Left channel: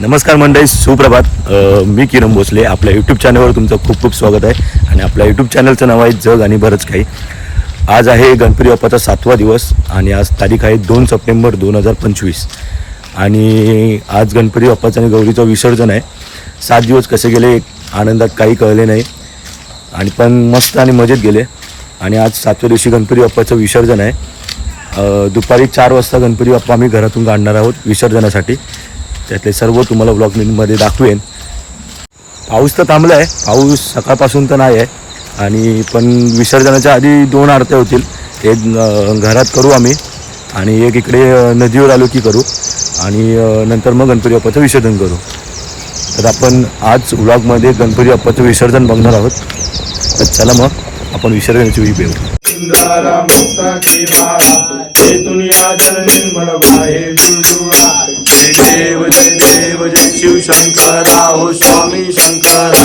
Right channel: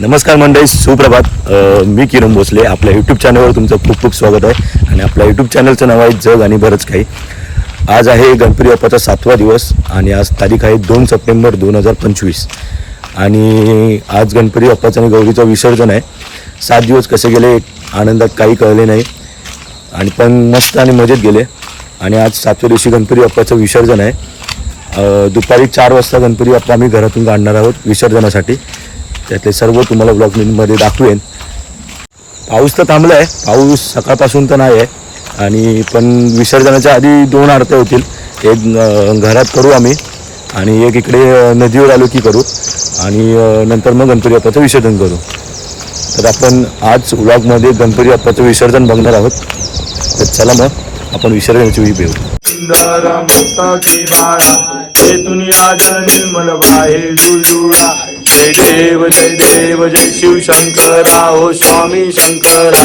नमस्कार मंडळी सुप्रभात. मी किरण भोसले आपल्या यूट्यूब चॅनलवर तुमचं खूप खूप स्वागत आहे. आणि आपल्या यूट्यूब चॅनलचं नाव आहे जग आणि बरंच काही. आज आहे गणपती बाप्पाचा सातवा दिवस आणि आज तारीख आहे दोन सप्टेंबर दोन हजार पंचवीस. आणि आज गणपती बाप्पाचं आणि गौरीचं विसर्जन आहे. सात दिवस कसे गेले आनंदात काही कळले नाही. आणि पण मस्त आणि मजेत गेले. आणि आज सातव्या दिवशी गणपती बाप्पाचं विसर्जन आहे. दुपारी चार वाजता गणपती बाप्पा आम्ही घरातून काढणार आहोत विसर्जनासाठी. त्यातले सर्व तुम्हाला ब्लॉगमध्ये दाखवेन. पाऊस तर थांबला आहे पाऊस सकाळपासून तर नाही आहे आणि पण विसर्जनाच्या आधी दोन आरत्या होतील. एक घरात करू आम्ही. आणि एक इकडे नदीवर आलो की करू. आणि नंतर मग गणपती बाप्पाचं विसर्जन करू. तर आपण आज व्लॉगमध्ये गणपती बाप्पाचं विसर्जन बघणार आहोत. तर चला मग आपण विसर्जनाची वेळी भेटू जय देव जय देव जय शिव शंकरा हो स्वामी शंकरा.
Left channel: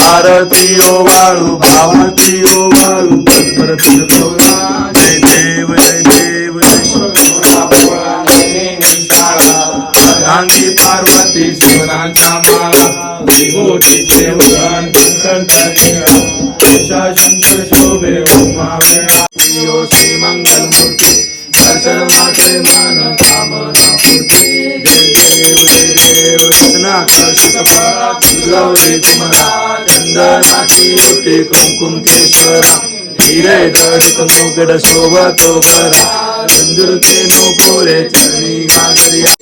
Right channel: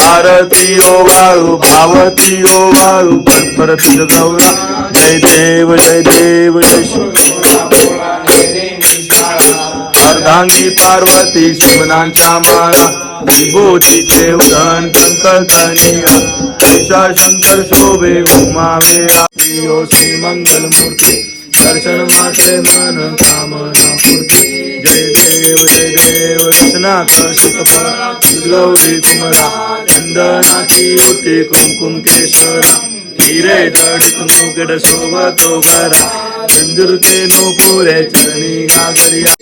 आरती ओ वाळू भावती ओ वाळू पटपर तुझ गौरा. जय देव जय देव जय शिव अर्धांगी पार्वती शिवनाच्या माळा. विभूतीचे उदन कंकणा शंकर शोभे उमावे श्री मंगल मूर्ती दर्शन मात्रे मन कामना जय देव जय देव रत्नाकर सुतप गौरी कुमरा चंदनाची उठी कुमकुम केशरा हिरे गड कुमुगड शोभतो बरा चंदुर के नो पुरे चरणी गागरिया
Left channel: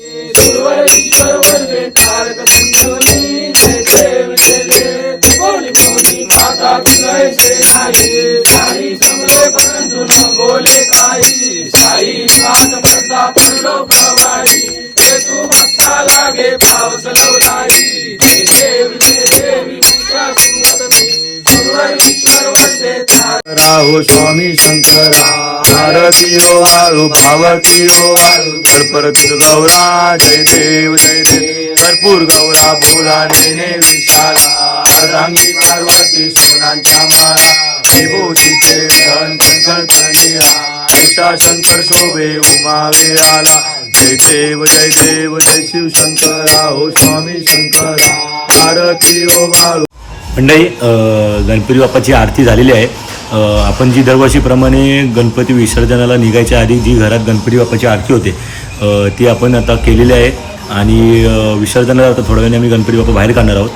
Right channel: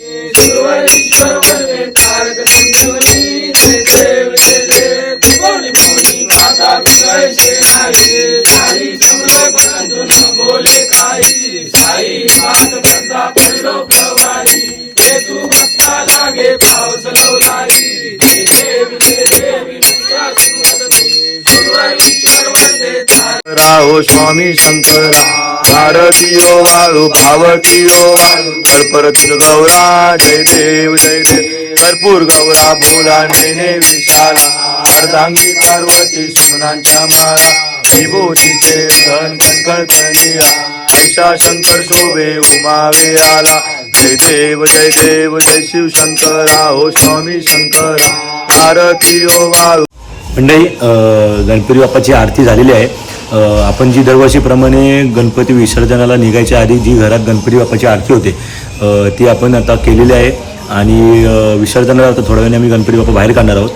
हो स्वामी शंकरा. भारतीयो वाळू भावतीयो वाळू. परपर गौरा जय देव जय देव. कर्पूर गौरा भोला नेने विशाला. अर्धांगी पार्वती सुमनांच्या माळा विभूतीचे धन कणकणतनिया ऐसा शंकर शोभे उमावे आला जय देव जय देव जय शिव शंकरा. हो स्वामी शंकरा. भारतीयो वाळू. मंडळी गणपती बाप्पाची आरती झालेली आहे. आपण जी दरवर्षीप्रमाणे गणपती विसर्जनाला निघायच्या आधी जी घरात गणपती बाप्पाची आरती होते ती आपण आता केलेली आहे. आणि विसर्जनाला आता थोड्या वेळाने आम्ही गणपती बाप्पा बाहेर काढणार आहोत.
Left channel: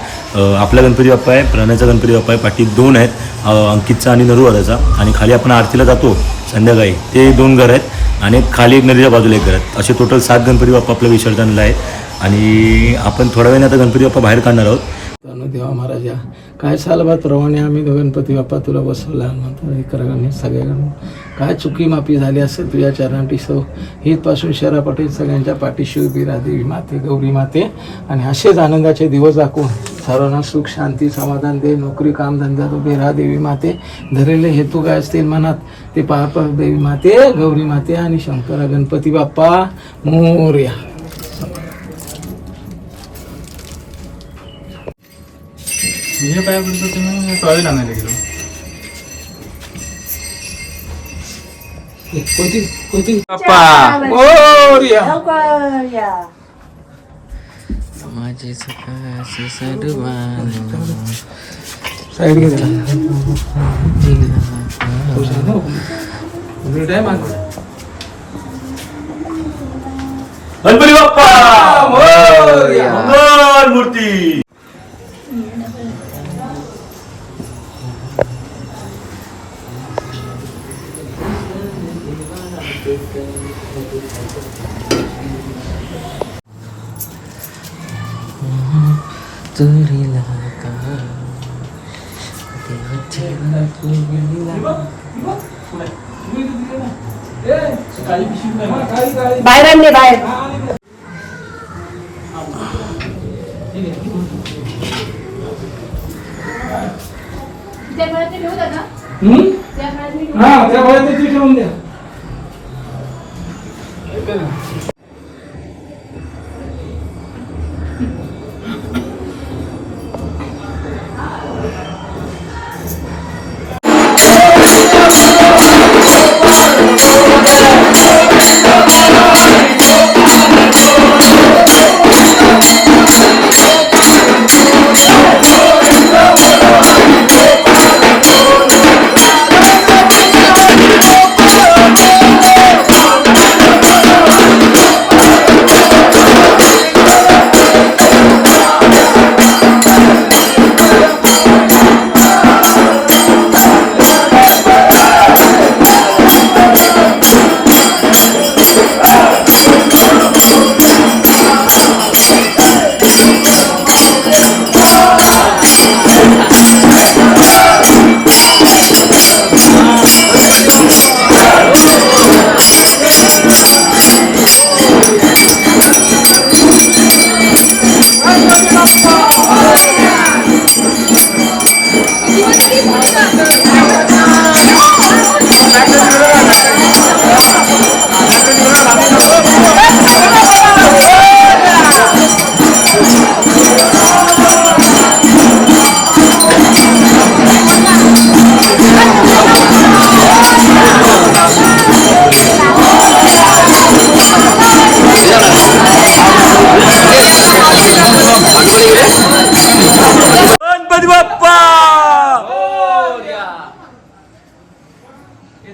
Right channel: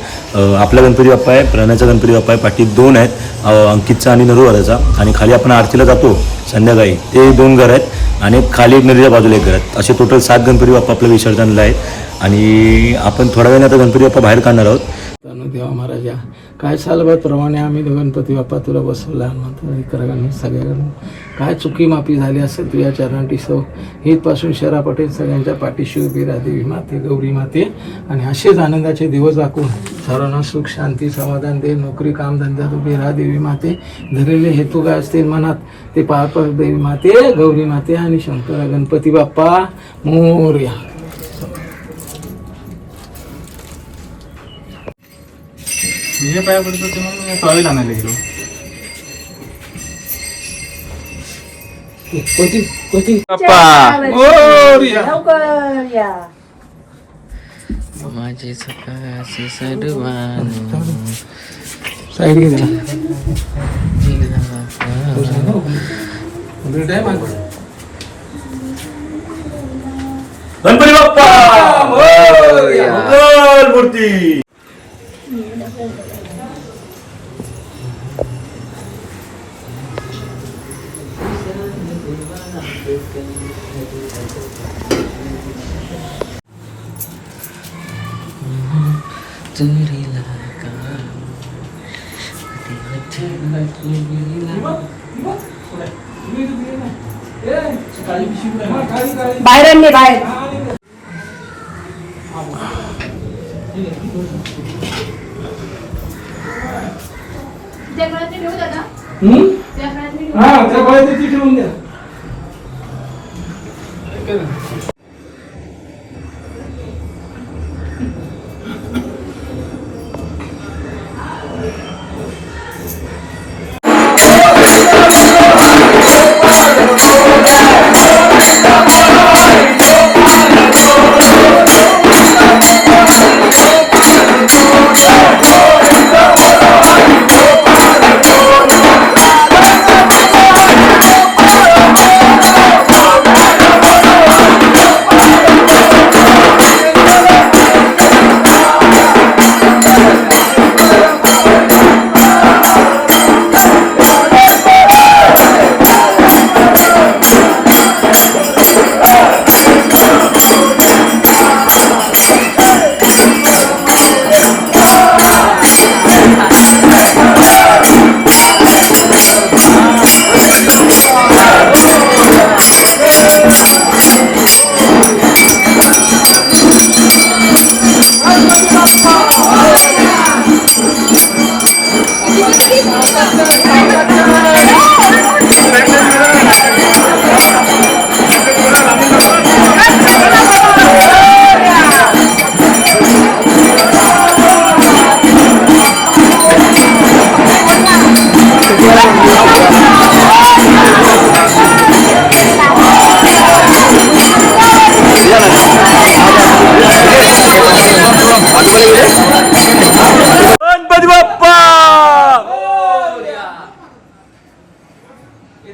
आपला गणपती बाप्पा आहे प्राण्याचा गणपती बाप्पा आहे पाठी दोन आहेत अंकितचा आणि नरुवाराचा आणि खाली आपण आरतीला जातो संध्याकाळी. ते दोन घर आहेत आणि एक खाली एक नदीच्या बाजूला एक घर आहेत. असे टोटल सात गणपती बाप्पा आपल्या विसर्जनाला आहेत. आणि आपण थोड्या वेळाने आता गणपती बाप्पा बाहेर काढणार आहोत. तनु देवा महाराजा काय सालबात प्रमाणे आम्ही गणपती बाप्पा तुला बसवला नंतर इकडे सगळ्याकडून काय चुकी माफी झाली असेल तुझ्या चरणाटी सौ हितपासून शरा पटेल सगळ्यांच्या पाठीशी उभी रादेवी माते गौरी माते. आणि असेच आनंदाचे दिवस दाखवून सर्वांना सुख शांती समाधान दे नोकरी कामधंद्यात उभी राहा देवी माते. धरलेले हेतू काय असतील मनात? ते पार देवी माते गौरी माते आणि शंकरा गणपती बाप्पा मोर्या. हे काय करतो तुम्ही टॉयलेट आणायला गेलो कोणती कोणती मोरया. माझे सकाळचे सडवानो साईड घे भेट आहे माझं गणपती बाप्पा मंगल मूर्ती चोरीला का देवाच्या चोरीला बाहेर आणले बाहेर हा त्या गोळ्या तिथे ठेवून द्या.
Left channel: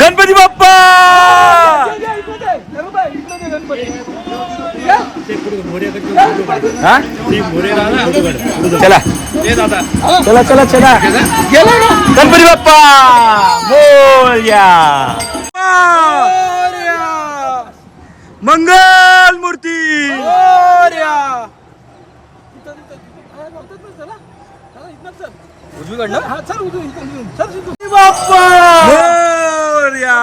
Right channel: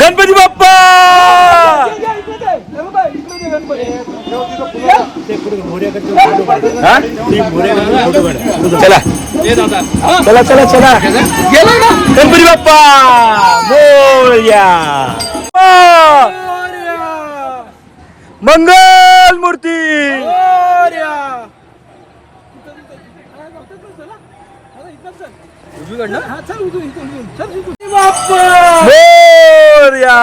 गणपती बाप्पा! चला. चला चला चला. गेला ना गणपती बाप्पा! मोर्या! मंगल मूर्ती! मोर्या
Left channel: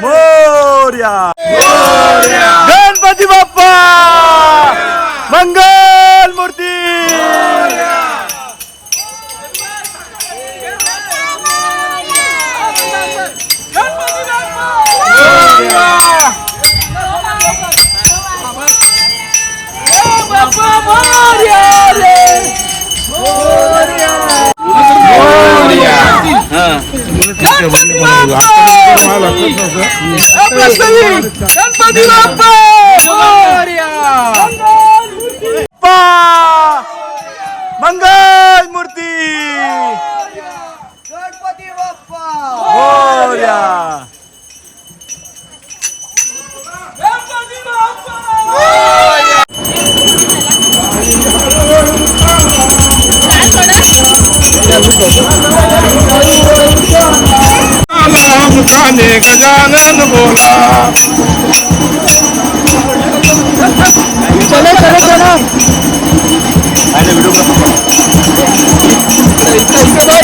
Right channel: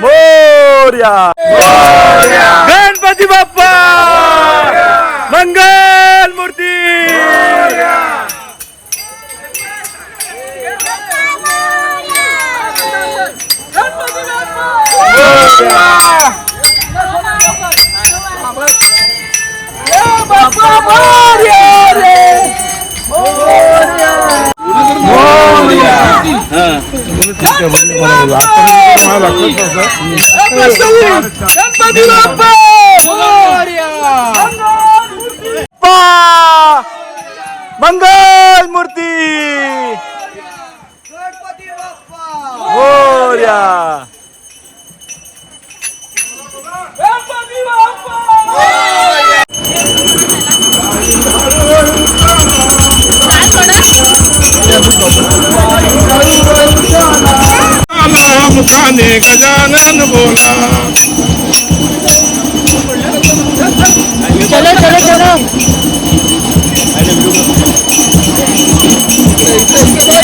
मोर्या गणपती बाप्पा गणपती बाप्पा! मंगल मूर्ती! मुखाने गजानन बोला। गणपती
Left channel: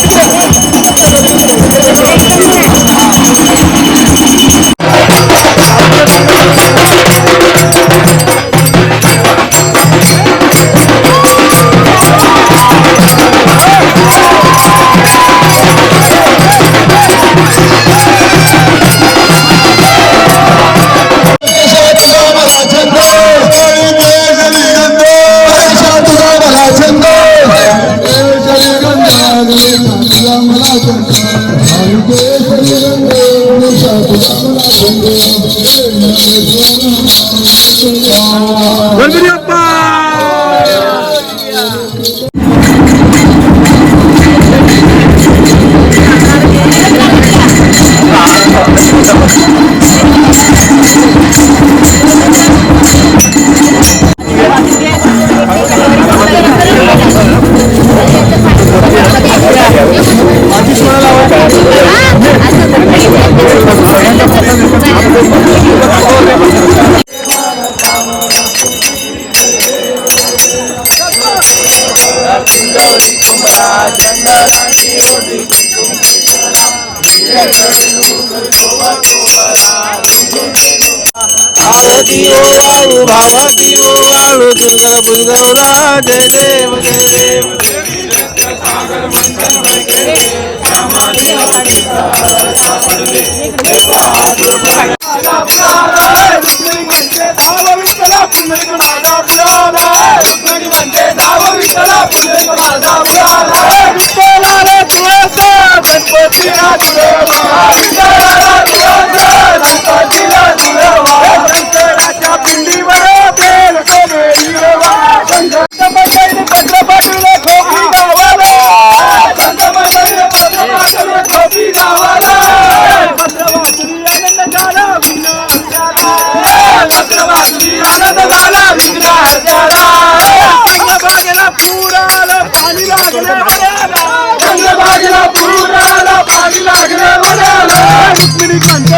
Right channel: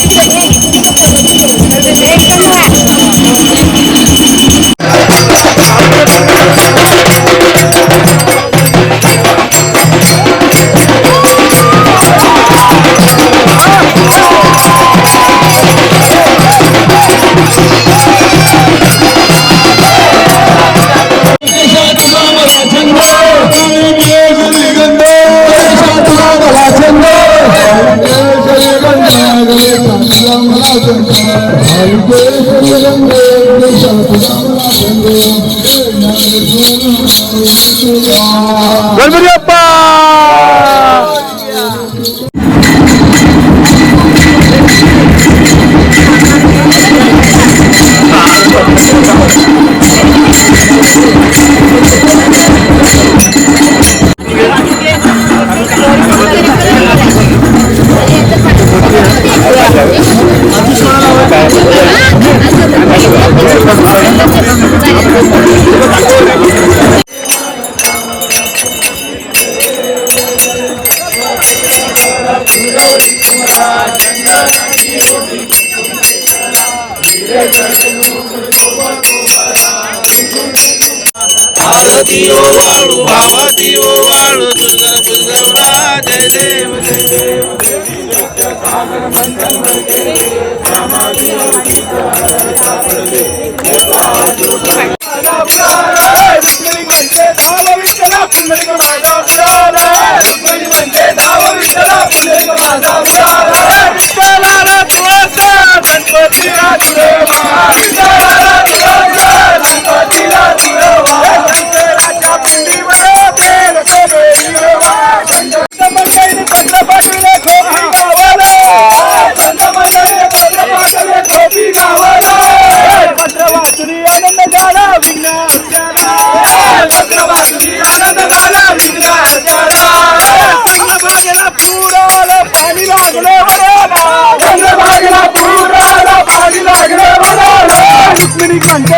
वाळू दुर्गा बुजगवला जय देव जय देव म्हणजे y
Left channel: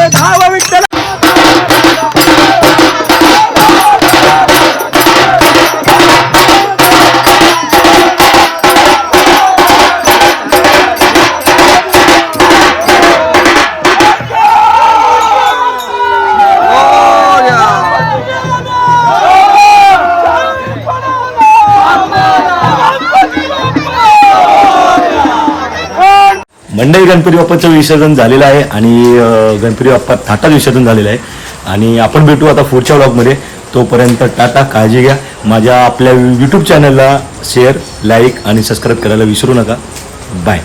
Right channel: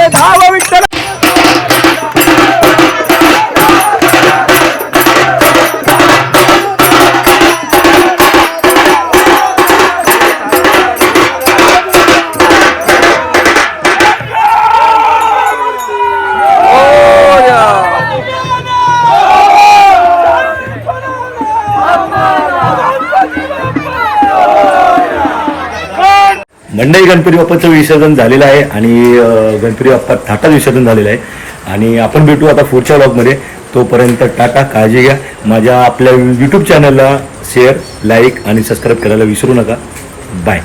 मंडई गणपती बाप्पाचं विसर्जन झालेलं आहे आणि गणपती बाप्पा थाटात विसर्जन झालेलं आहे. आणि आपण भेटू आता पुढच्या व्लॉगमध्ये तोपर्यंत टाटा काळजी घ्या. माझ्या आपल्या यूट्यूब चॅनलला शेअर लाईक आणि सबस्क्राईब करायला विसरू नका. बाय